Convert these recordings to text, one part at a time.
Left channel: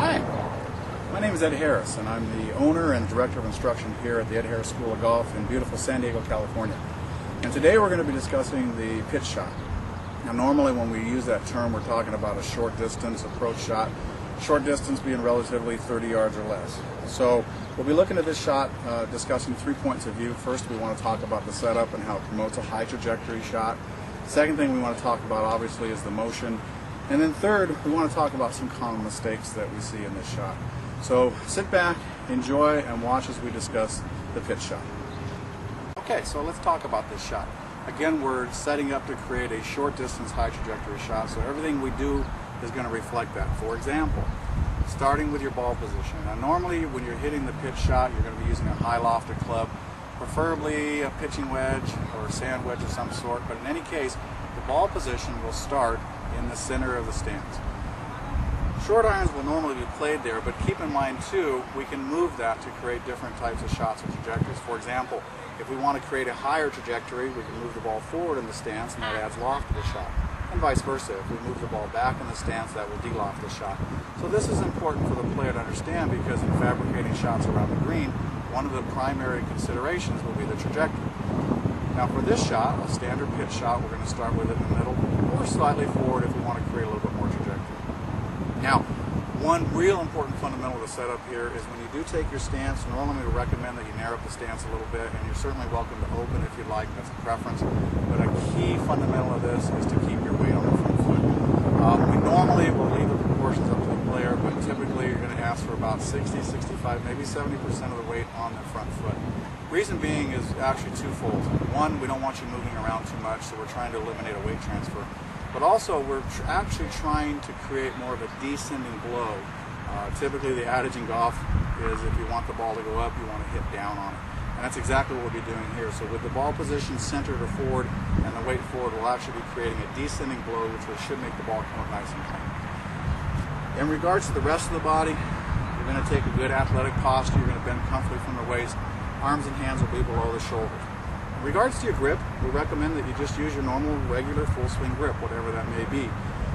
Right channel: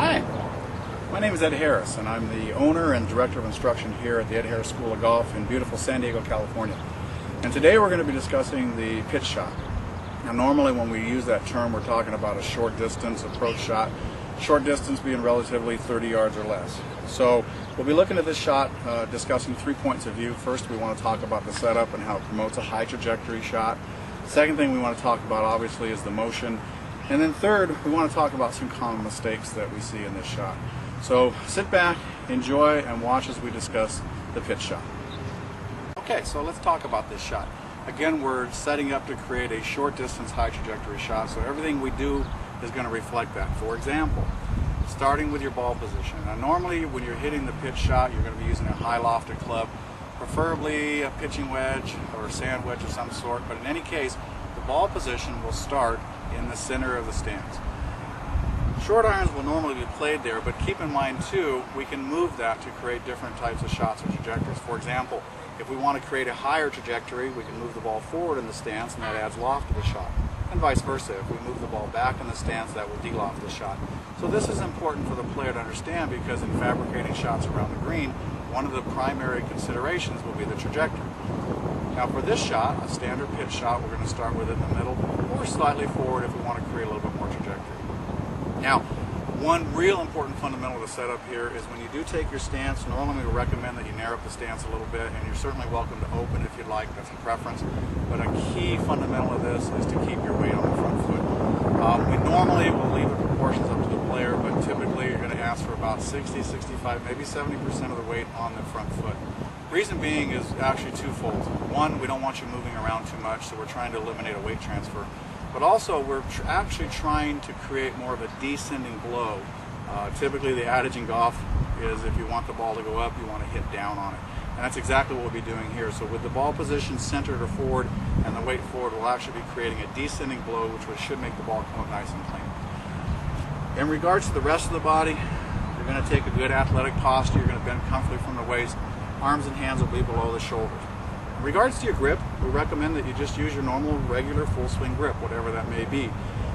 Hi, my name is Ed Harris, and I'm the owner and director of instruction here at the Ed Harris School of Golf in beautiful San Diego, California. And today we're going to be discussing the pitch shot. Now normally when we use that term we're talking about a short distance approach shot, short distance being relatively 30 yards or less. So we'll be looking at this shot discussing 3 points of view. First, we want to talk about the setup and how it promotes a high trajectory shot. Second thing we want to talk about obviously is the motion. And then third, we want to talk about some common mistakes that we see in this shot. So sit back, enjoy, and watch as we discuss the pitch shot. Okay, so let's talk about this shot. Again, we're setting up to create a short distance, high trajectory shot, so everything we do is going to reflect that. For example, starting with your ball position. Now normally when you're hitting the pitch shot, you're going to be using a high lofted club, preferably a pitching wedge or a sand wedge of some sort, but in any case, the ball position will start in the center of the stance. Short irons will normally be played there, but keep in mind too, we can move that to create different types of shots or trajectories. For example, if we want to create a higher trajectory, we can move the ball forward in the stance and that adds loft to the shot. And vice versa, if we move the ball back in the stance, that will de-loft the shot. So this is important for the player to understand because in fabricating shots around the green, one of the primary considerations will be the trajectory. Now for this shot, a standard pitch shot, we're going to start with it in the middle or slightly forward if we want to create a little bit more trajectory. Now, one real important fundamental to set up here is when you do take your stance, normally we recommend that you narrow up the stance a little bit, and you're certainly welcome to open if you'd like, that's a preference. But a key fundamental of this is to keep your weight on the front foot. We normally will leave the proportions up to the player, but typically you're going to ask for about 60, 65, maybe 70% of the weight on the front foot. Reason being is actually twofold. One, we don't want you moving around too much, so we're trying to eliminate a weight transfer. But also, we're actually trying to create more of a descending blow. Typically, the adage in golf is if you want the ball to go up, you want to hit down on it. And that's exactly what we'll be doing here. So with the ball position centered or forward and the weight forward, we'll actually be creating a descending blow, which should make the ball come up nice and clean. In regards to the rest of the body, you're going to take a good athletic posture. You're going to bend comfortably from the waist. Arms and hands will be below the shoulders. In regards to your grip, we recommend that you just use your normal, regular, full swing grip, whatever that may be.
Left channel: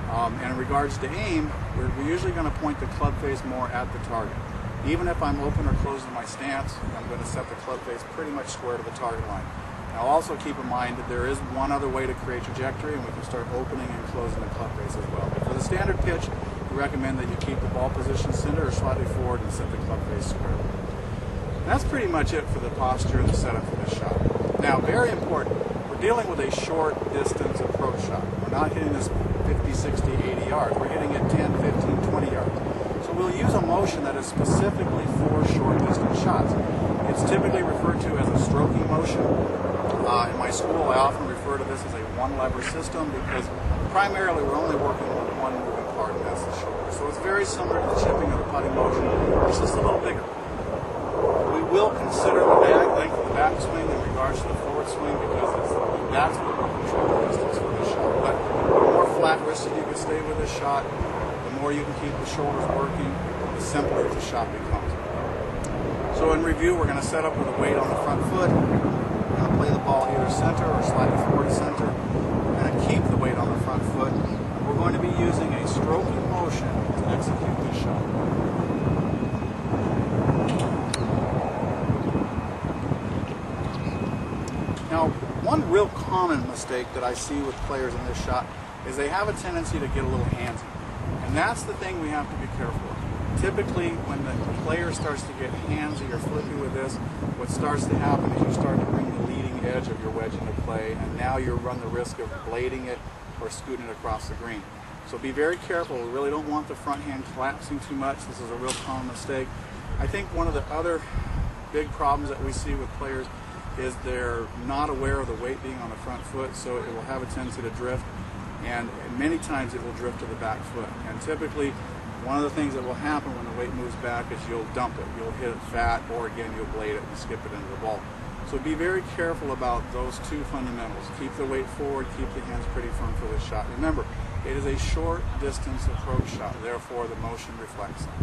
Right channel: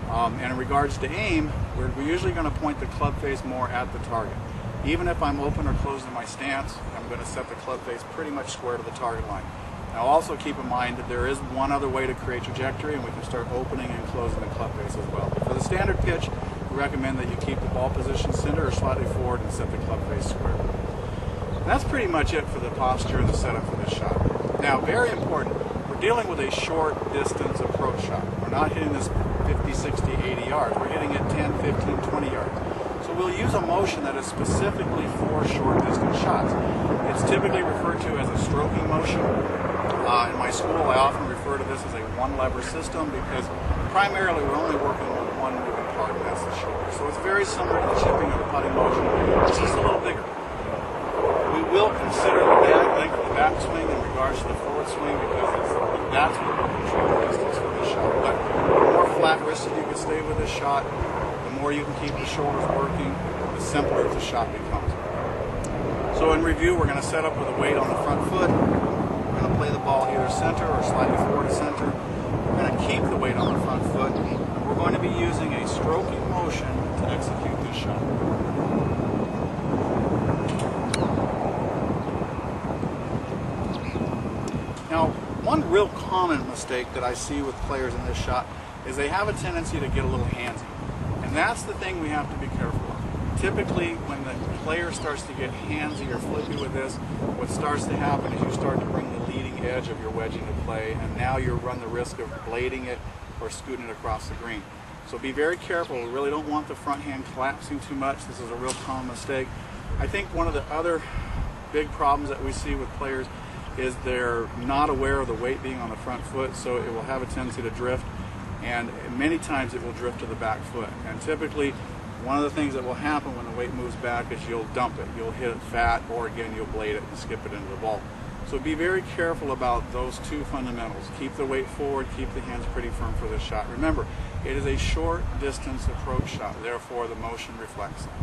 And in regards to aim, we're usually going to point the club face more at the target. Even if I'm open or closed in my stance, I'm going to set the club face pretty much square to the target line. Now also keep in mind that there is one other way to create trajectory, and we can start opening and closing the club face as well. But for the standard pitch, we recommend that you keep the ball position center or slightly forward and set the club face square. That's pretty much it for the posture and the setup for this shot. Now, very important, we're dealing with a short distance approach shot. We're not hitting this 50, 60, 80 yards. We're hitting it 10, 15, 20 yards. So we'll use a motion that is specifically for short distance shots. It's typically referred to as a stroking motion. In my school, I often refer to this as a one-lever system because primarily we're only working with one moving part, and that's the shoulder. So it's very similar to the chipping or the putting motion. It's just a little bigger. We will consider the length of the backswing in regards to the forward swing because that's what will control the distance for this shot. But the more flat-wristed you can stay with this shot, the more you can keep the shoulders working, the simpler the shot becomes. So in review, we're going to set up with a weight on the front foot. We're going to play the ball either center or slightly forward to center. We're going to keep the weight on the front foot. And we're going to be using a stroking motion to execute this shot. Now, one real common mistake that I see with players in this shot is they have a tendency to get a little handsy. And that's the thing we have to be careful of. Typically, when the player starts to get handsy or flippy with this, what starts to happen is you start to bring the leading edge of your wedge into play, and now you run the risk of blading it or scooting it across the green. So be very careful. We really don't want the front hand collapsing too much. This is a real common mistake. I think one of the other big problems that we see with players is they're not aware of the weight being on the front foot, so it will have a tendency to drift, and many times it will drift to the back foot. And typically, one of the things that will happen when the weight moves back is you'll dump it. You'll hit it fat, or again, you'll blade it and skip it into the ball. So be very careful about those two fundamentals. Keep the weight forward, keep the hands pretty firm for this shot. Remember, it is a short distance approach shot, therefore the motion reflects that.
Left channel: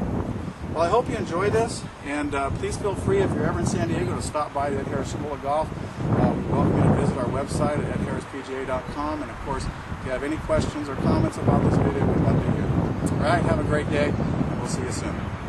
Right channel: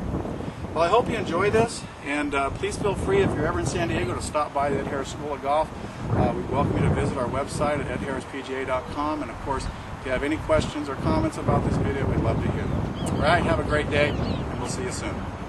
Well, I hope you enjoyed this, and please feel free if you're ever in San Diego to stop by the Ed Harris School of Golf. We welcome you to visit our website at edharrispga.com, and of course, if you have any questions or comments about this video, we'd love to hear them. All right, have a great day. we'll see you soon.